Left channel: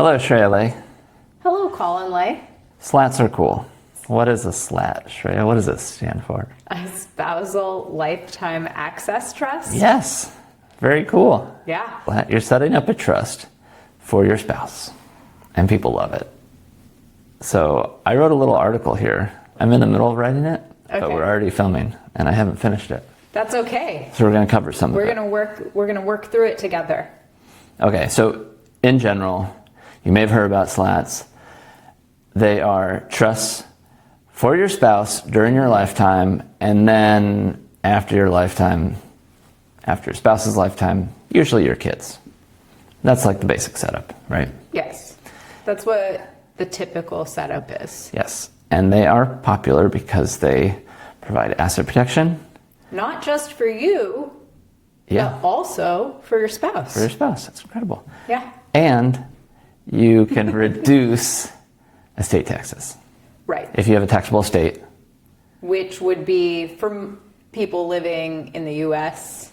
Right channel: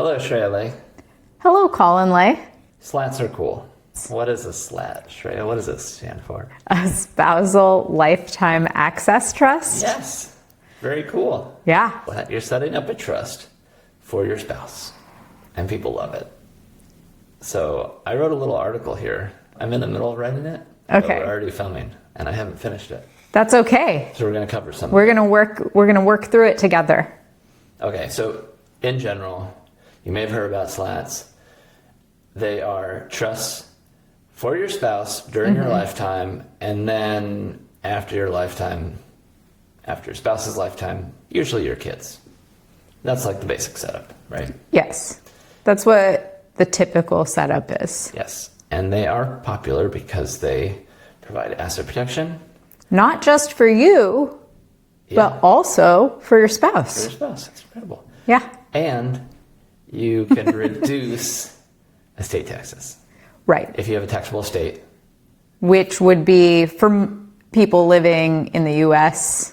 Hello, Shreya Ley. Hello, Colin Ley. SLATs are cool. What is a SLAT, Shreya? What does this stand for? A Spousal Lifetime Access Trust? Yes, very cool. Yeah. You're setting up a trust for your spouse, and people love it. So I wrote a little article here. I'm in the middle of writing it, but we're already filming, and I haven't finished it. That's okay. So we're going to cover some. We're gonna work through it together. Okay, so in general, you may have heard about SLATs. They are trusts for your spouse during your lifetime, and then after your lifetime, after your spouse's lifetime, usually your kids. That's like the basic setup, right? Yes. That's what the typical setup is. Yes. And they are popular because they provide asset protection. Not just for you, but also for your spouse. For your spouse. That's incredible. Yeah. And you can reduce estate taxes. Right. If you have a taxable estate. Which would be, for people living in the U.S.,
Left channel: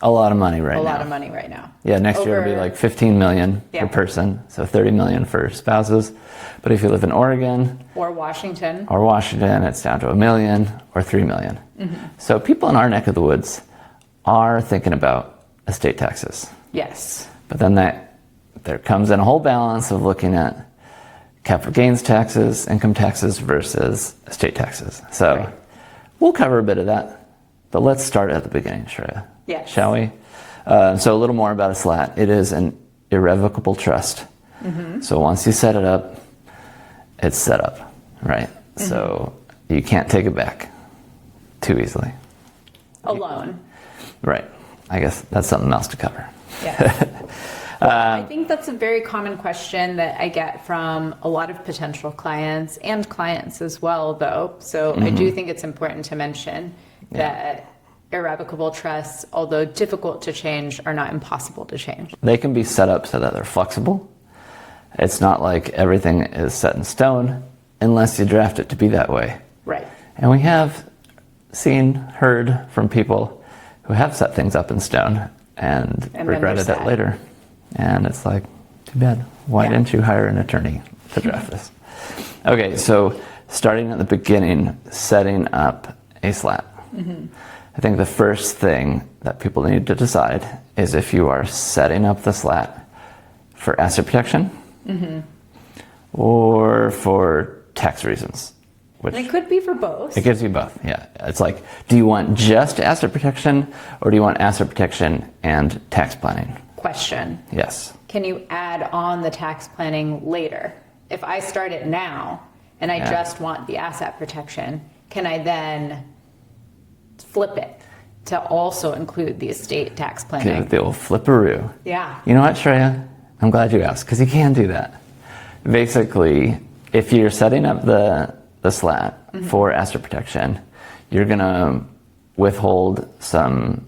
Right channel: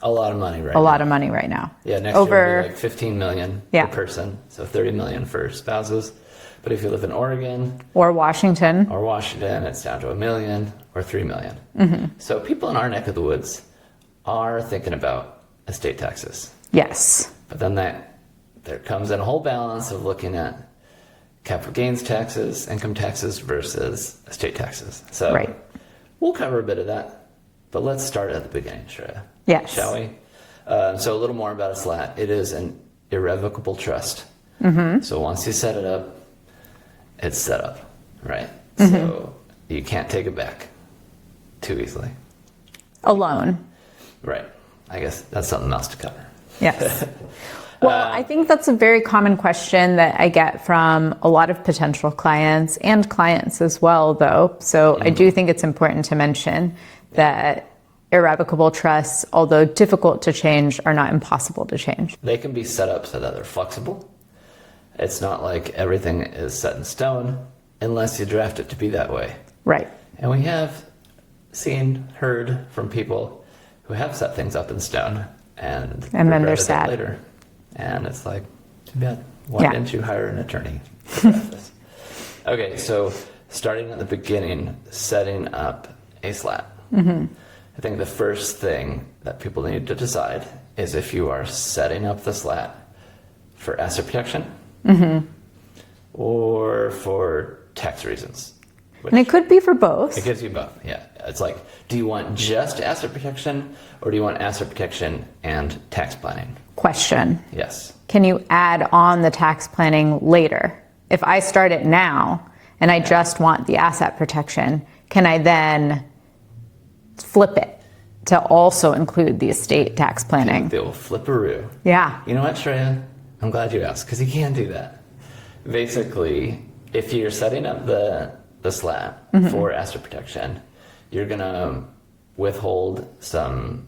a lot of money right now. A lot of money right now. Yeah, next year will be like 15 million per person, so 30 million for spouses. But if you live in Oregon or Washington, it's down to $1 million or $3 million. So people in our neck of the woods are thinking about estate taxes. Yes. But then there comes in a whole balance of looking at capital gains taxes, income taxes versus estate taxes. So we'll cover a bit of that, but let's start at the beginning, Shreya. Yes. Shall we? So a little more about a SLAT. It is an irrevocable trust. So once you set it up, it's set up, right? So you can't take it back too easily. Alone. Right. I guess that's something else to cover. Yes. Well, I think that's a very common question that I get from a lot of potential clients and clients as well, though. So I do think it's important to mention that irrevocable trusts, although difficult to change, are not impossible to change. They can be set up so that they're flexible. It's not like everything is set in stone unless you draft it to be that way. Right. And we have heard from people who have set things up in stone and regretted that later. And it's like, too bad. Why didn't you hire an attorney to draft this? Okay, so starting at the beginning, setting up a SLAT. I think the first thing that people need to decide is if you are setting up the SLAT for asset protection or for tax reasons. And it could be for both. It gives you both, yeah. It's like, do you want just asset protection or do you want asset protection and tax planning? Question. Yes. Can you add on the tax planning later? If I start it now and I just want the asset protection, can I then flip it to also include the estate tax planning? The old flipperoo. Yeah. You know what, Shreya? I'm glad you asked, because you can do that. Basically, if you're setting up the SLAT for asset protection, you're going to withhold some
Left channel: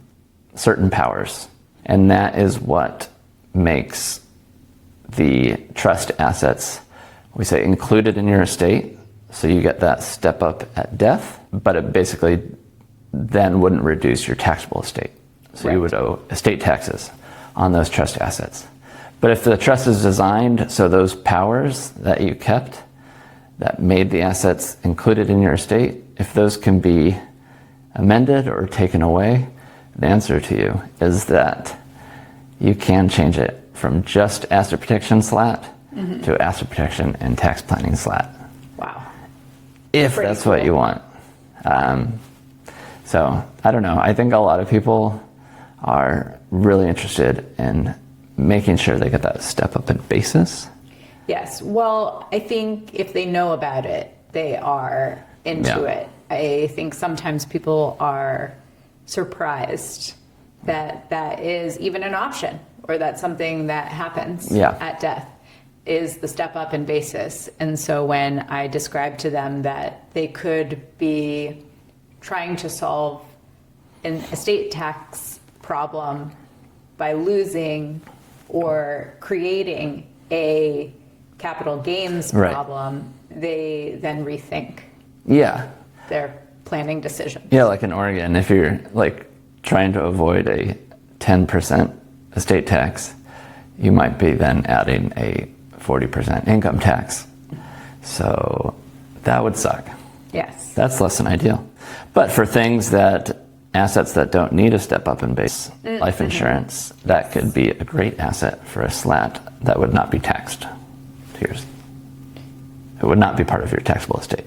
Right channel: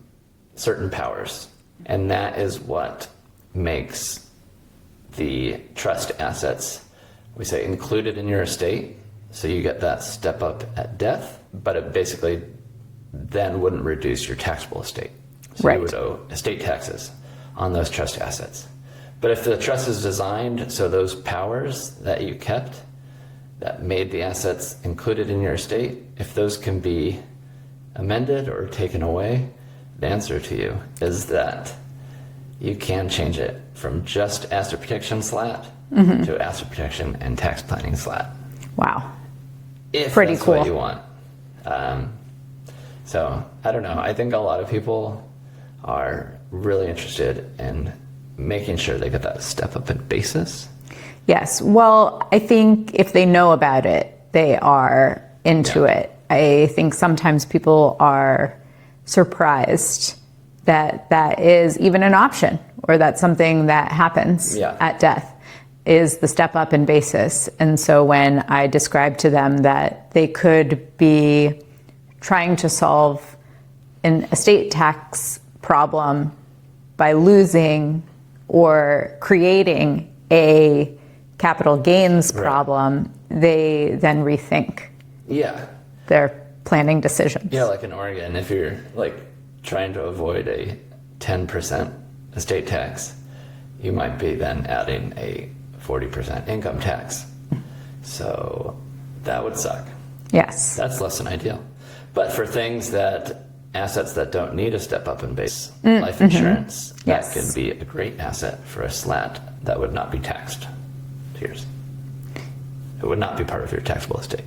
certain powers. And that is what makes the trust assets, we say, included in your estate. So you get that step up at death, but it basically then wouldn't reduce your taxable estate. So you would owe estate taxes on those trust assets. But if the trust is designed so those powers that you kept that made the assets included in your estate, if those can be amended or taken away, the answer to you is that you can change it from just asset protection SLAT to asset protection and tax planning SLAT. Wow. If that's what you want. So I don't know. I think a lot of people are really interested in making sure they get that step up in basis. Yes. Well, I think if they know about it, they are into it. I think sometimes people are surprised that that is even an option, or that's something that happens at death, is the step up in basis. And so when I describe to them that they could be trying to solve an estate tax problem by losing or creating a capital gains problem, they then rethink their planning decisions. Yeah, like in Oregon, if you're like trying to avoid a 10% estate tax, you might be then adding a 40% income tax. So that would suck. Yes. That's less than ideal. But for assets that don't need a step up in base life insurance, that Yes. could be a great asset for a SLAT that would not be taxed. It would not be part of your taxable estate.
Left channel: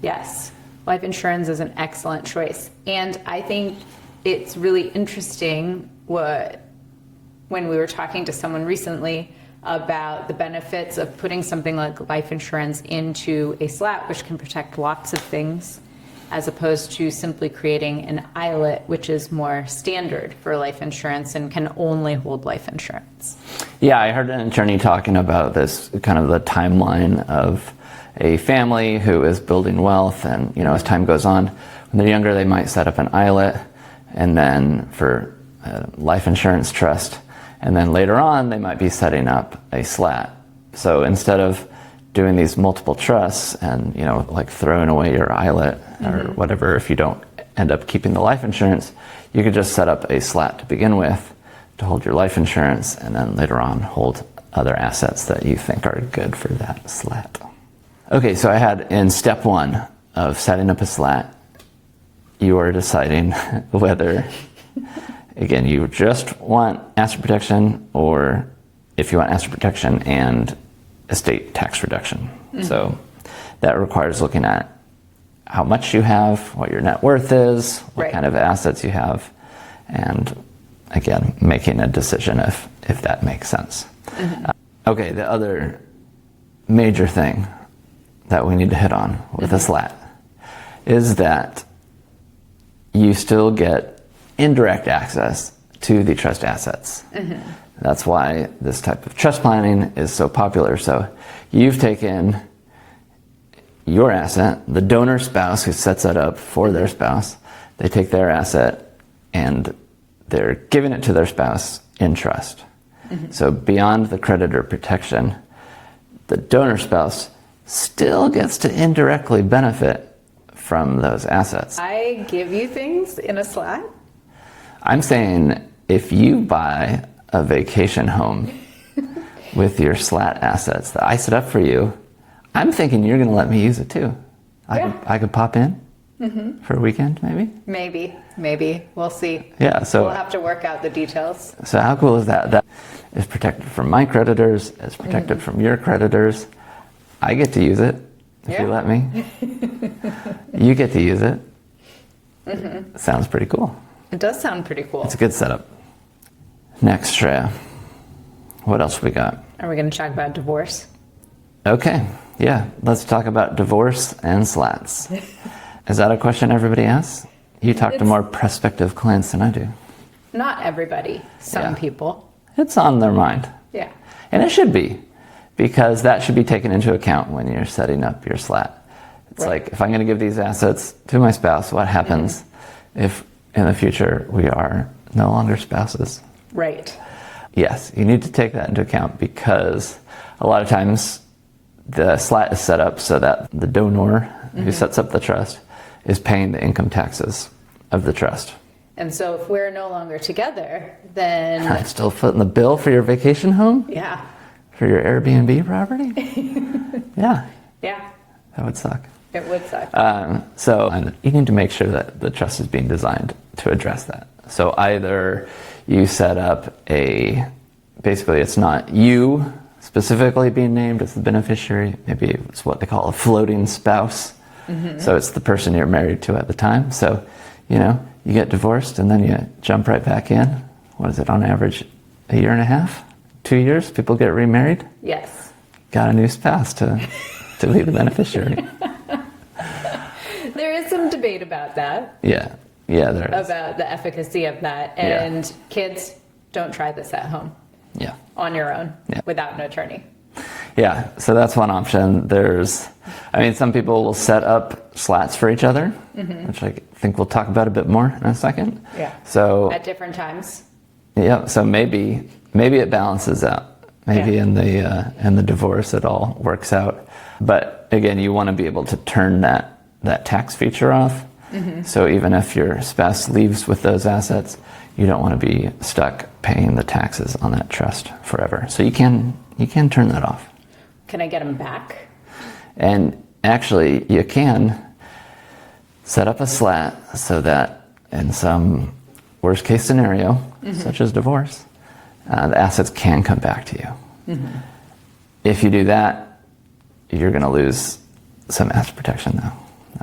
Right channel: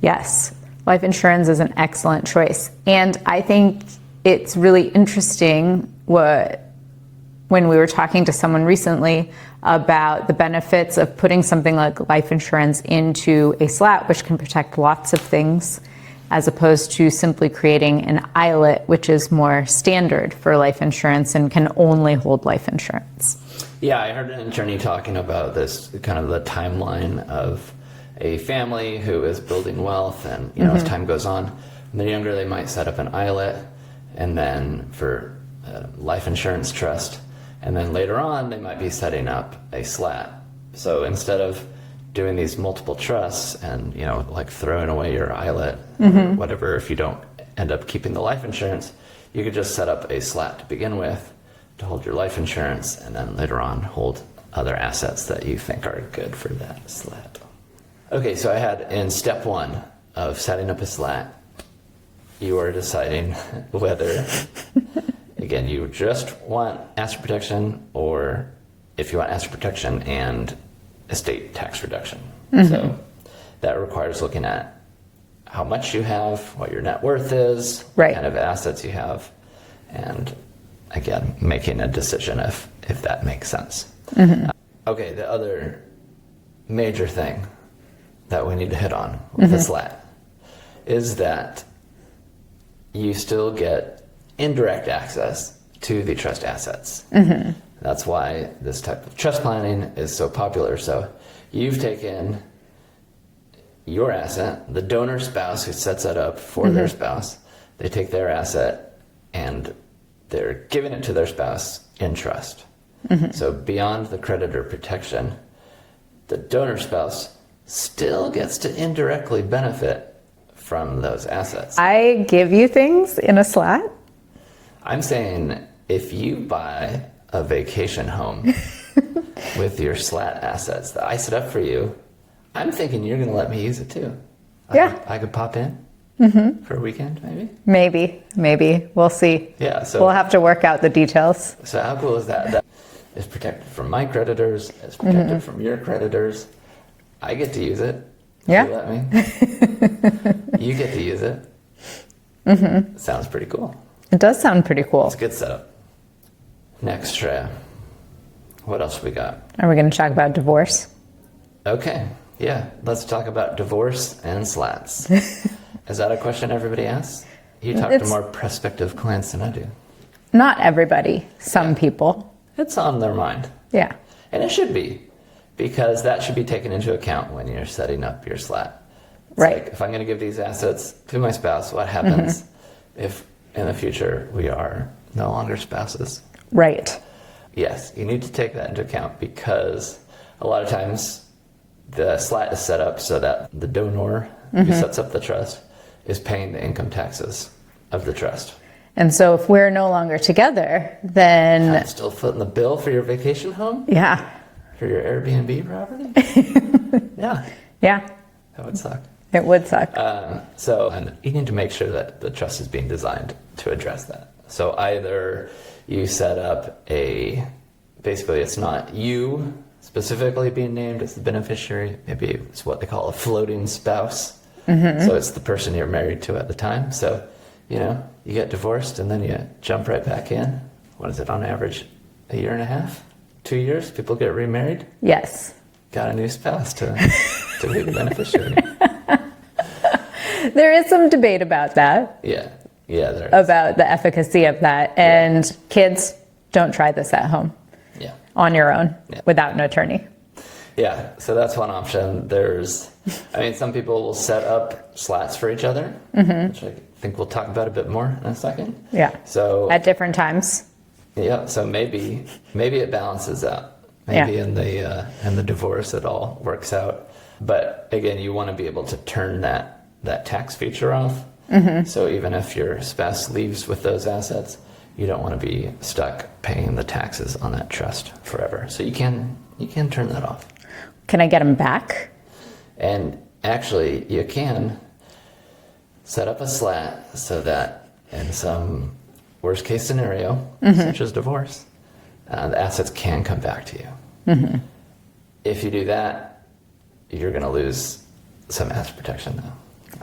Yes. Life insurance is an excellent choice. And I think it's really interesting when we were talking to someone recently about the benefits of putting something like life insurance into a SLAT, which can protect lots of things, as opposed to simply creating an ILET, which is more standard for life insurance and can only hold life insurance. Yeah, I heard an attorney talking about this, kind of the timeline of a family who is building wealth, and as time goes on, when they're younger, they might set up an ILET, and then for a life insurance trust, and then later on, they might be setting up a SLAT. So instead of doing these multiple trusts and like throwing away your ILET or whatever, if you don't end up keeping the life insurance, you could just set up a SLAT to begin with to hold your life insurance, and then later on hold other assets that you think are good for that SLAT. Okay, so I had in step 1 of setting up a SLAT, you are deciding whether, again, you just want asset protection, or if you want asset protection and estate tax reduction. So that requires looking at how much you have, what your net worth is, what kind of assets you have, and again, making a decision if that makes sense. Okay, the other major thing that we need to hit on with a SLAT is that you still get indirect access to the trust assets. That's why this type of trust planning is so popular. So you've taken your asset, the donor spouse who sets it up for their spouse, they take their asset and they're giving it to their spouse in trust. So beyond the creditor protection, the donor spouse still gets to indirectly benefit from those assets. I give you things in a SLAT? I'm saying if you buy a vacation home with your SLAT assets that I set up for you, I'm thinking you're going to let me use it too. I could pop in for a weekend, maybe? Maybe. We'll see. Yeah, so we'll have to work out the details. So how cool is that? That is protected from my creditors, it's protected from your creditors. I get to use it if you let me. You get to use it. Sounds pretty cool. It does sound pretty cool. It's a good setup. Next, Shreya, what else we got? Are we going to talk about divorce? Okay, yeah, let's talk about divorce and SLATs. Is that a question everybody asks? You talk to more prospective clients than I do. Not everybody, some people. It's on their mind. Yeah. And it should be, because that should be taken into account when you're setting up your SLAT. It's like, if I'm going to give these assets to my spouse, what happens if in the future we are no longer spouses? Right. Yes, you need to take that into account, because a lot of times the SLAT is set up so that the donor who sets up the trust is paying the income taxes of the trust. And so if we're no longer together, then... I'm still footing the bill for your vacation home? Yeah. For your Airbnb property? Yeah. Yeah. That would suck. It would suck. And you need to make sure that the trust is being designed to address that. So either you set up basically it's not you specifically being named as the beneficiary, maybe it's what they call a floating spouse. So it's the person you're married to at the time. So, you get divorced and then you jump right back in. What is it, on average, a year and a half? 2 years, people get remarried? Yes. Got a new spouse to be the beneficiary. There is some debate about that. Yeah, there is. About the efficacy of that. And kids, don't try this at home. Yeah. On your own, without an attorney. Yeah, so that's one option. Some people will set up SLATs for each other, which I think we'll talk about a bit more in a second. Yeah. So at different times. Yeah, so maybe it balances out. Maybe in the divorce it all works out. But again, you want to be able to turn that tax feature off. So even if your spouse leaves with those assets, you don't want to be stuck paying the taxes on that trust forever. So you can turn that off. Can I get them back? And actually, you can set up a SLAT so that in some worst case scenario, such as divorce, the assets can come back to you. If you do that, you're going to lose some asset protection though.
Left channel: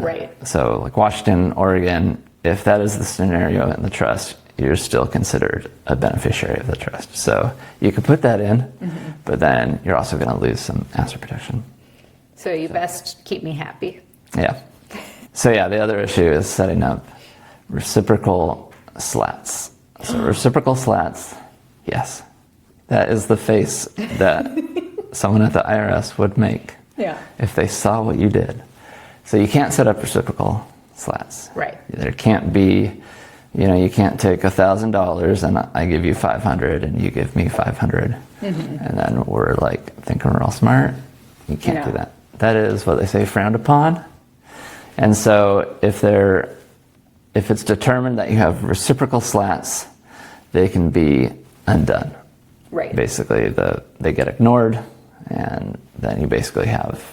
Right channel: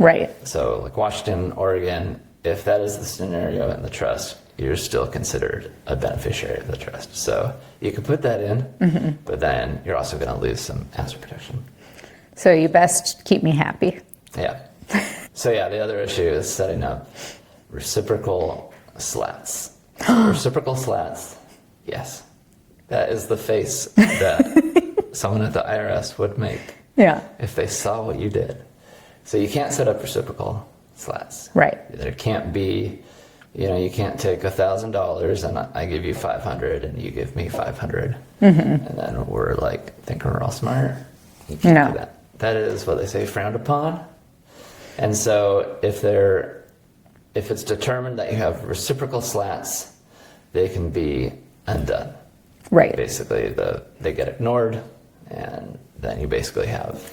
Right. So like Washington, Oregon, if that is the scenario in the trust, you're still considered a beneficiary of the trust. So you could put that in, but then you're also going to lose some asset protection. So you best keep me happy. Yeah. So yeah, the other issue is setting up reciprocal SLATs. So reciprocal SLATs, yes. That is the face that someone at the IRS would make if they saw what you did. So you can't set up reciprocal SLATs. Right. There can't be, you can't take $1,000 and I give you 500 and you give me 500. And then we're like thinking we're all smart. You can't do that. That is what they say frowned upon. And so if it's determined that you have reciprocal SLATs, they can be undone. Right. Basically, they get ignored, and then you basically have...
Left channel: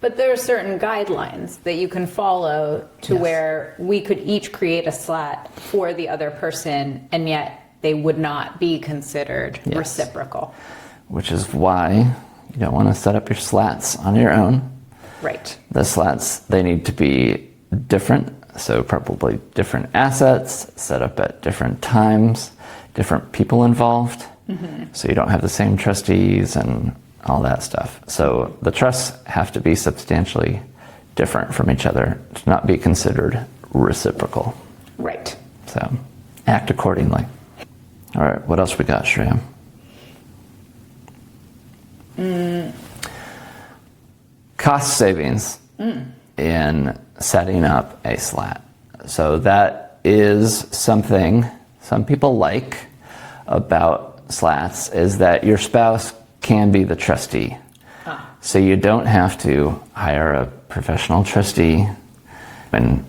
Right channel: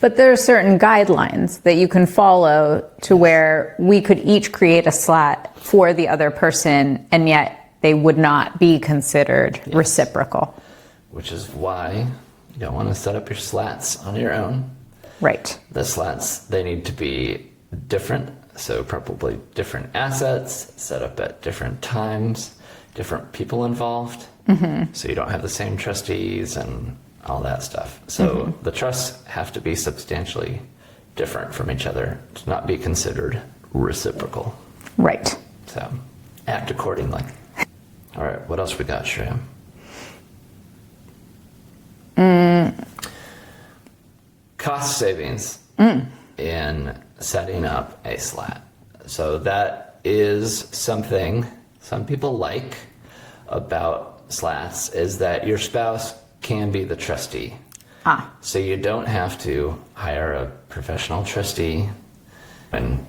But there are certain guidelines that you can follow to where we could each create a SLAT for the other person, and yet they would not be considered reciprocal. Which is why you don't want to set up your SLATs on your own. Right. The SLATs, they need to be different, so probably different assets, set up at different times, different people involved, so you don't have the same trustees and all that stuff. So the trusts have to be substantially different from each other to not be considered reciprocal. Right. So act accordingly. All right, what else we got, Shreya? Cost savings in setting up a SLAT. So that is something some people like about SLATs is that your spouse can be the trustee. So you don't have to hire a professional trustee in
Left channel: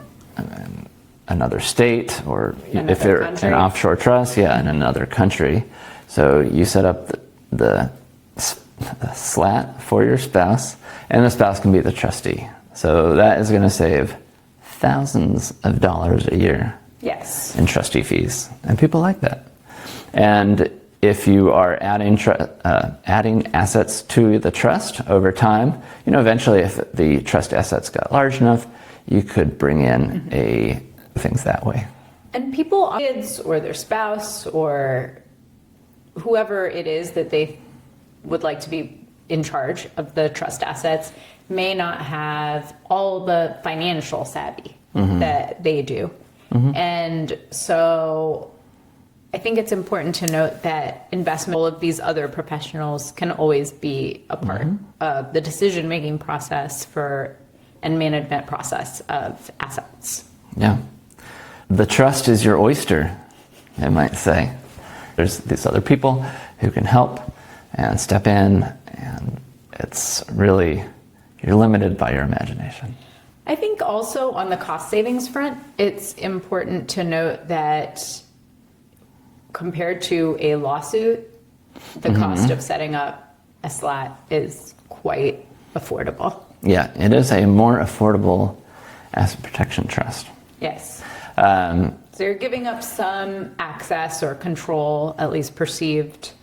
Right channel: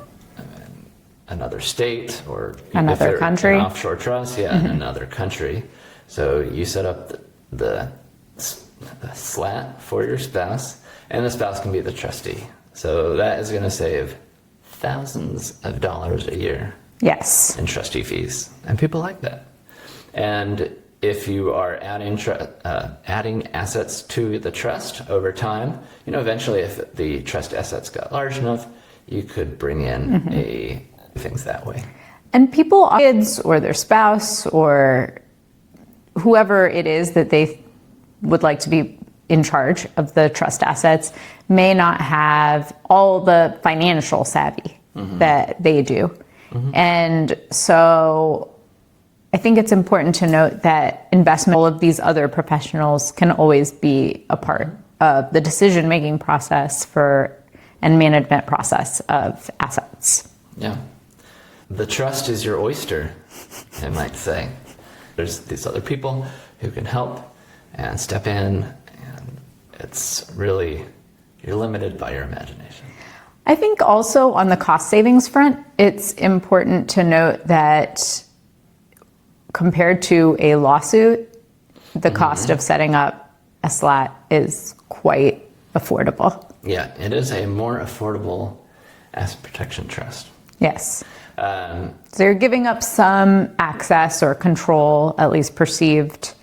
another state or if you're an offshore trust, in another country. So you set up the SLAT for your spouse, and the spouse can be the trustee. So that is going to save thousands of dollars a year. Yes. In trustee fees, and people like that. And if you are adding assets to the trust over time, eventually if the trust assets got large enough, you could bring in things that way. And people, kids or their spouse or whoever it is that they would like to be in charge of the trust assets may not have all the financial savvy that they do. And so I think it's important to note that investment, all of these other professionals can always be a part of the decision-making process and management process of assets. Yeah. The trust is your oyster, I might say. There's these other people who can help and step in, and it's really, you're limited by your imagination. I think also on the cost savings front, it's important to note that compared to a lawsuit, the cost of setting up a SLAT is quite affordable. Yeah, it is a more affordable asset protection trust. Yes. So you're giving up some access or control, at least perceived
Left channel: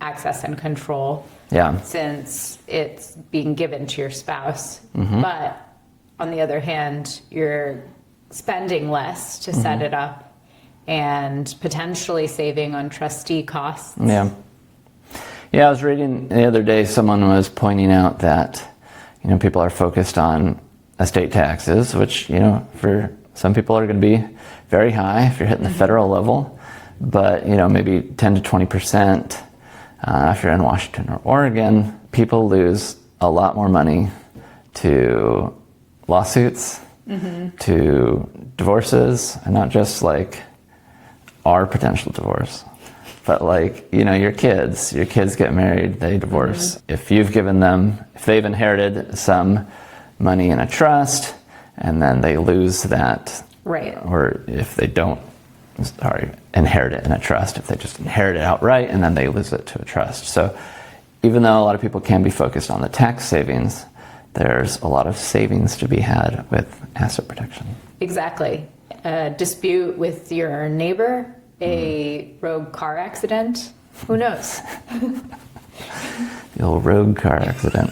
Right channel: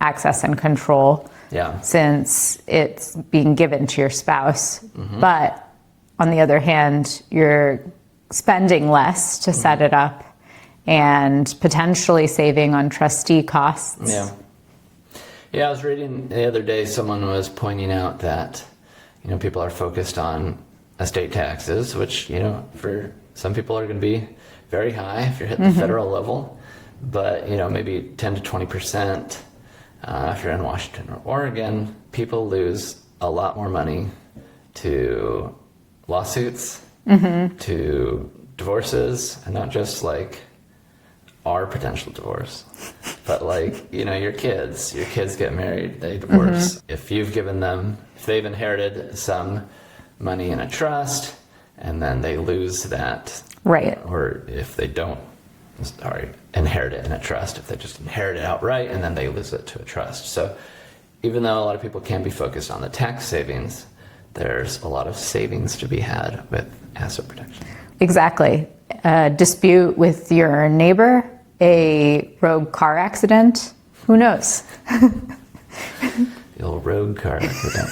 access and control, since it's being given to your spouse. But on the other hand, you're spending less to set it up and potentially saving on trustee costs. Yeah, I was reading the other day, someone was pointing out that, people are focused on estate taxes, which, for some people are going to be very high if you're hitting the federal level, but, maybe 10 to 20%. If you're in Washington or Oregon, people lose a lot more money to lawsuits, to divorces, and not just like our potential divorce, but like, your kids get married, they divorce. If you've given them, if they've inherited some money in a trust and then they lose that, right? Or if they don't, inherit it in a trust, if they just inherit it outright and then they lose it to a trust. So even though a lot of people can be focused on the tax savings, there's a lot of savings to be had with asset protection. Exactly. A dispute with your neighbor, a rogue car accident, who knows? The old rogue car accident.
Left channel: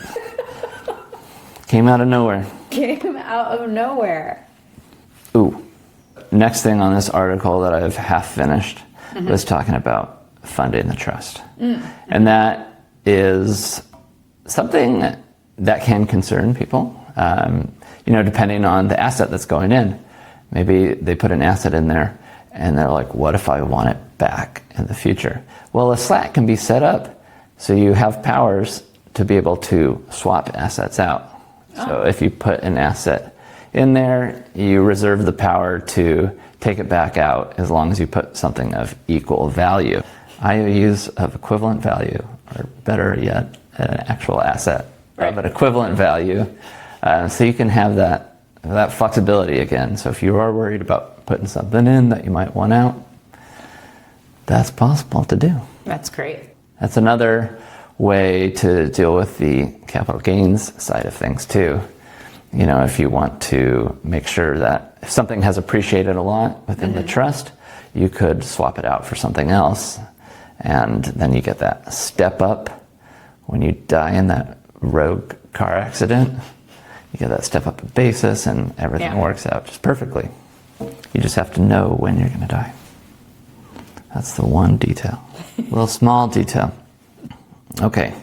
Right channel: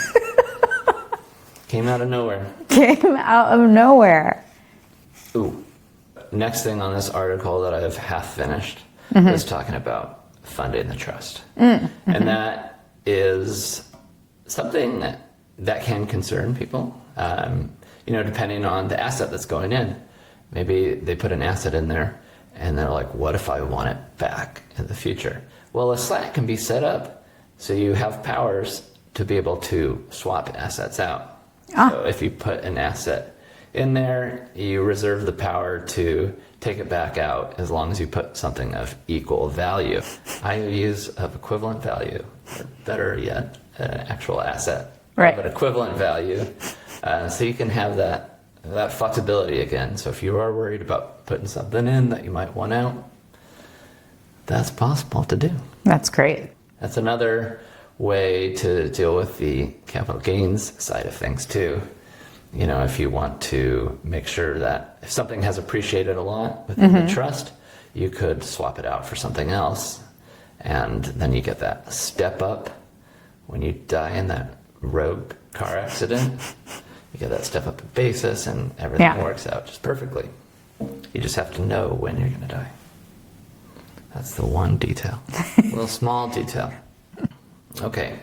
Came out of nowhere. Came out of nowhere. Ooh. Next thing on this article that I've half finished was talking about funding the trust. And that is something that can concern people, depending on the asset that's going in. Maybe they put an asset in there and they're like, what if I want it back in the future? Well, a SLAT can be set up so you have powers to be able to swap assets out. So if you put an asset in there, you reserve the power to take it back out as long as you put something of equal value. IOUs of equivalent value, or better yet, an actual asset of an equivalent value. So you can have that flexibility again. So if you are worried about putting something in that you might want out, that's possible to do. That's great. That's another way to deal with the capital gains side of things too. If you want to make sure that if something has appreciated a lot within the trust, you could swap it out for something else. And then you get that step up when you die in that rogue car accident. You get that step up basis and everything works out just perfectly. You just have to know when you're going to die. That's the one detail. A little small detail. Okay.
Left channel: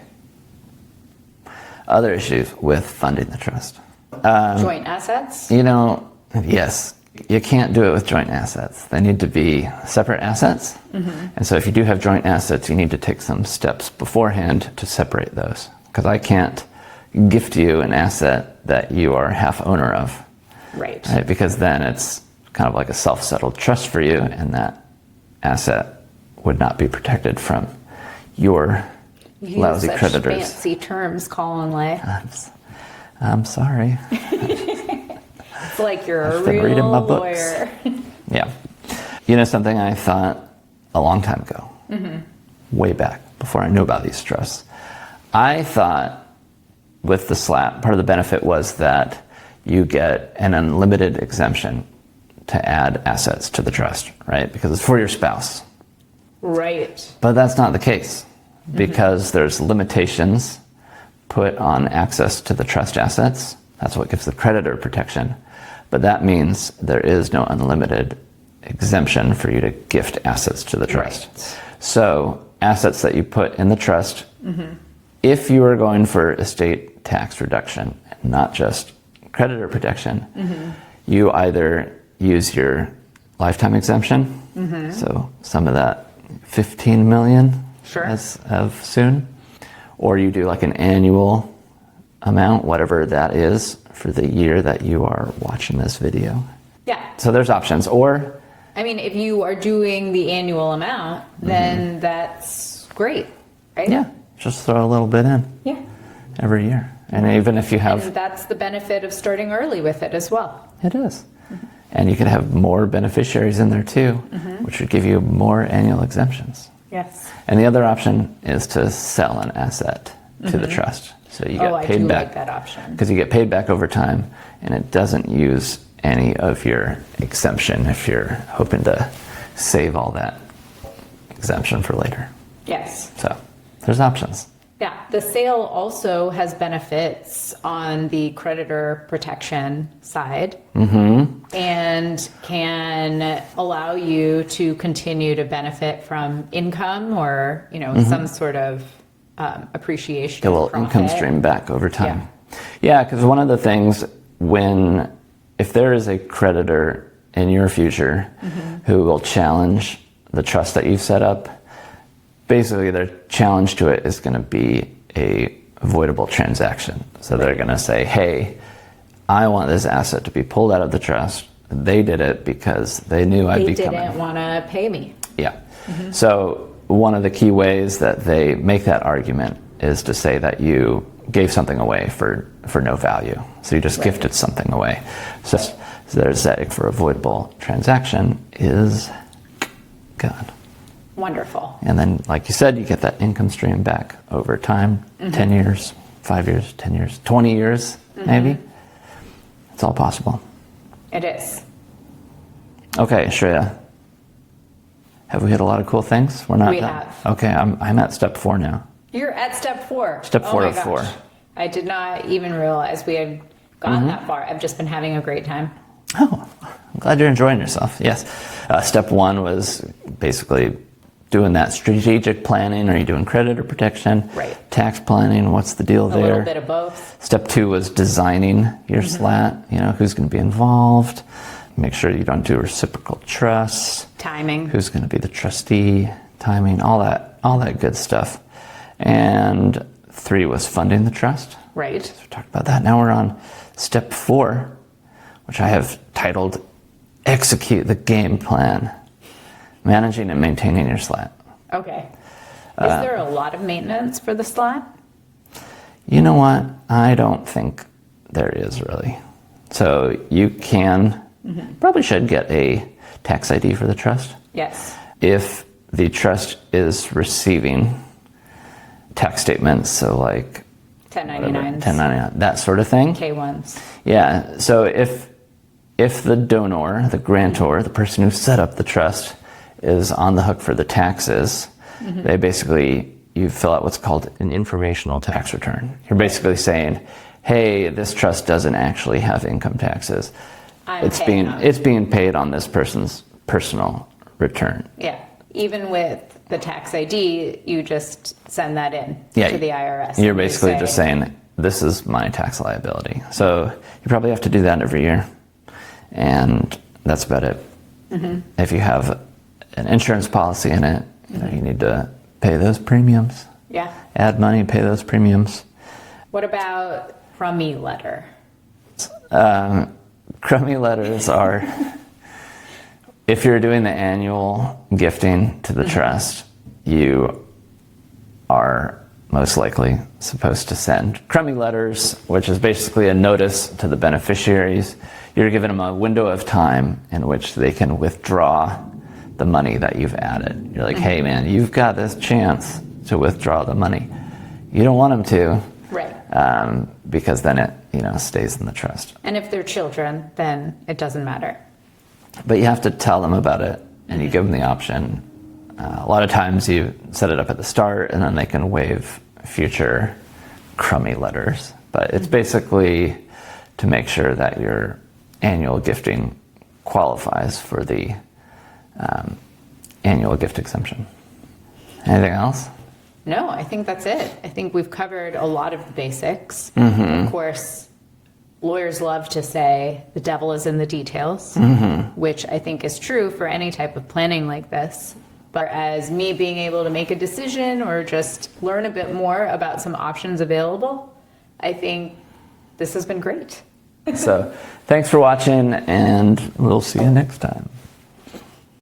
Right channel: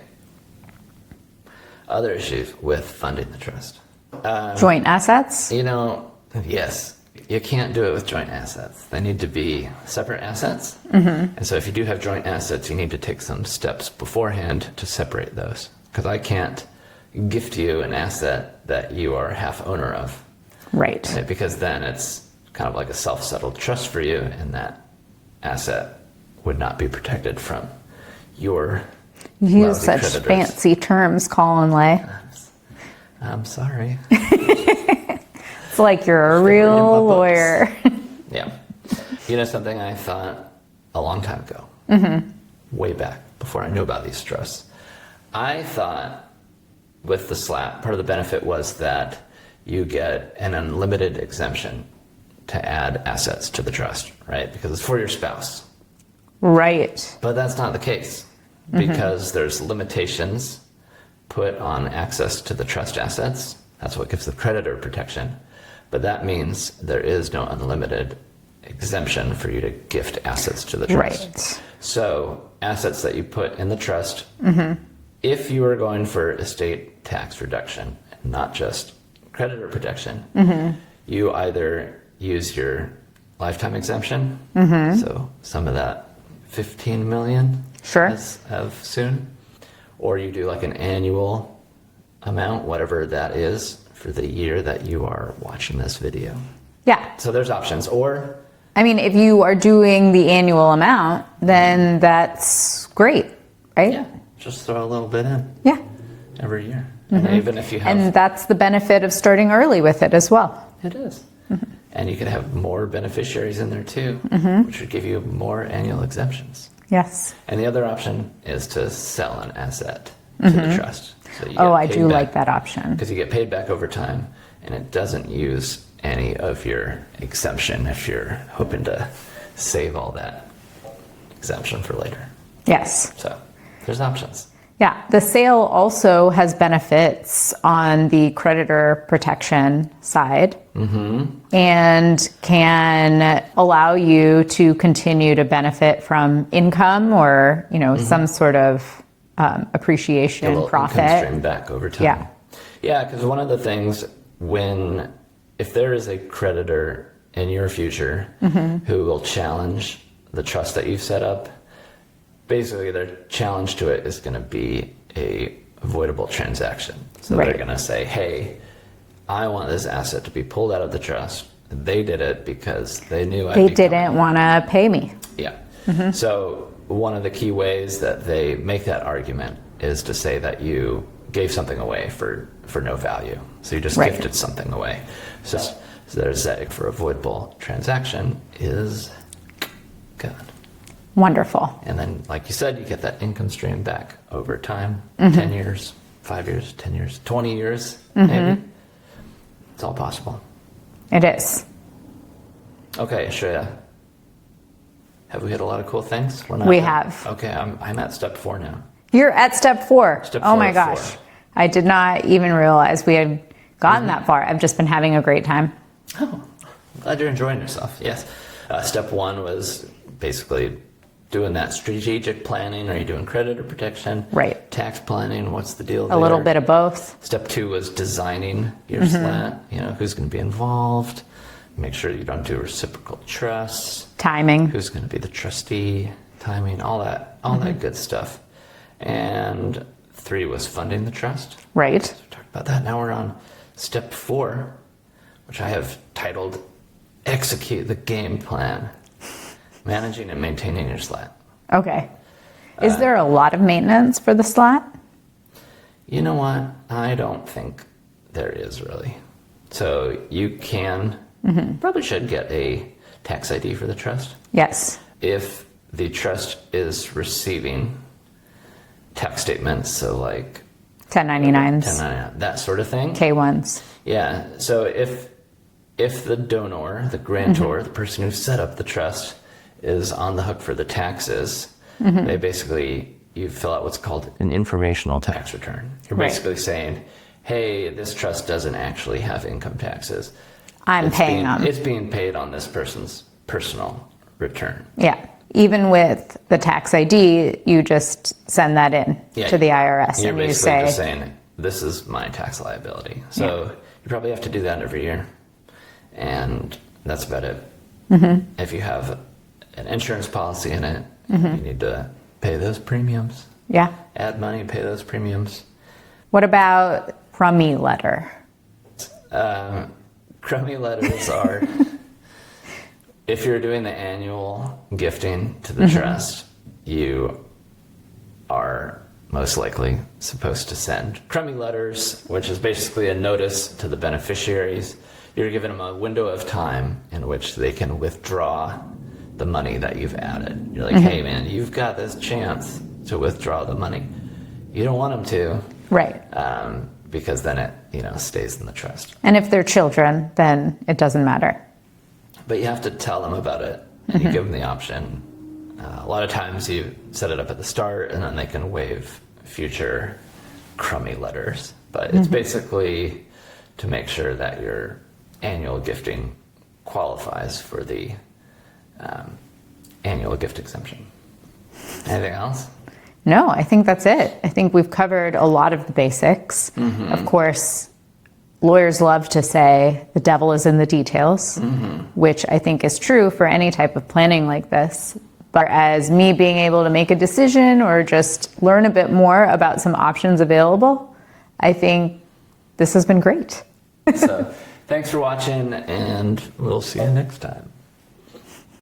Other issues with funding the trust. Joint assets? Yes. You can't do it with joint assets. They need to be separate assets. And so if you do have joint assets, you need to take some steps beforehand to separate those. Because I can't gift you an asset that you are half owner of. Right. Because then it's kind of like a self-settled trust for you, and that asset would not be protected from your lousy such creditors. Fancy terms, Colin Ley. I'm sorry. It's like you're a real lawyer. Yeah. Something I thought a long time ago, way back before I knew about these trusts, I thought with the SLAT, part of the benefit was that you get an unlimited exemption to add assets to the trust, right? Because it's for your spouse. Right. But that's not the case, because there's limitations put on access to the trust assets. That's what gives the creditor protection. But that means there is no unlimited exemption for you to gift assets to the trust. Right. So assets that you put in the trust, if you are going for estate tax reduction, not just creditor protection, you either use your lifetime exemption, so some of that 15 million as of soon, or you do like an annual amount, whatever that is, for the year that you are watching this video. Yeah. So there's options. Or if you are doing the annual amount, then that's great, right? Yeah. Just throw a little bit in. Yeah. Every year. And even if you have... And that's the benefit of starting early with it as well. It is. And you can have more beneficiaries in there too, which would give you more annual exemptions. Yes. And the other option is to sell an asset to the trust. So you get I paid do back, like that option. because you get paid back over time, and it doesn't use any of your exemption if you're hoping to save all that exemption for later. Yes. So there's options. Yeah. The sale also has benefits on the creditor protection side and can allow you to continue to benefit from income or, some sort of appreciation, It will profit. income stream back over time. Yeah, because one of the things if there is a creditor in your future who will challenge the trust that you've set up, basically their challenge to it is going to be a avoidable transaction. So they're going to say, hey, I want this asset to be pulled out of the trust. They did it because they knew I'd be coming. They didn't want to pay me. Yeah. So one of the key ways that they make that argument is to say that you gave something away for no value. So you just gifted something away. So there's that for avoidable transaction is gone. Wonderful. And then, like you said, you get that income stream back over time, 10 years, 5 years, 10 years, 20 years, maybe. It's all possible. It is. Okay, Shreya. Have we hit a lot of cool things? We're not We done. have. Okay, I'm at step 4 now. You're at step 4. Step Oh 4 my of gosh. 4. I did not even realize we had gotten that far. I've just been having a great time. Oh, I'm glad you're enjoying yourself. Yes. Step 1 was basically doing that strategic planning. Are you doing credit or protection? Right. Tax planning. What's the deal there? A little bit of both. Step 2 was designing your SLAT. You know, who's going to be involved. Make sure you don't do reciprocal trusts. Timing. Who's going to be the trustee, timing, all that good stuff. And 3 was funding the trust. Right. So we talked about that. Now we're on step 4, which I have titled Execute the Game Plan. Managing and maintaining your SLAT. Okay. Is there a lot of maintenance for the SLAT? You know what? I don't think there is really. So you can, probably should get a tax ID for the trust. Yes. If the trust is receiving tax statements, so like 1099s. 1099, that sort of thing. K1s. Yeah. So if the donor, the grantor, the person who set up the trust is on the hook for the taxes, they basically, you fill out what's called an informational tax return. You're basically saying, hey, this trust doesn't actually have income taxes. I'm paying them. It's being paid on this person's personal return. Yeah. Even with the tax ID, you just send that in to the IRS. You're and basically you say, just saying, this is my tax liability. So you probably have to do that every year. And that's about it. If you have an insurance policy in it, you need to pay those premiums. Yeah. Add money, pay those premiums. What about crummy letter? Crummy letters are, if you're doing the annual gifting to the trust, you are most likely supposed to send crummy letters, which is basically a notice to the beneficiaries. You're giving them a window of time in which they can withdraw the money that you've added. You're like, hey man, you've got this chance to withdraw the money. You don't want them to. Right. Because then it, stays in the trust. And if they're children, then it doesn't matter. But you have to tell them about it, and you give them the option. A lot of times you set it up at the start, and then they can waive future crummy letters. But it's basically to make sure that your annual gifting qualifies for the annual gift exemption. Anything else? No, I think that's it. I think we've covered a lot of the basics. Of course, lawyers love to say the devil is in the details, which I think is true for any type of planning like this. But as me being able to make a decision or just learn a bit more about some options available, I think this has been great. So thanks for watching, and we'll see you next time.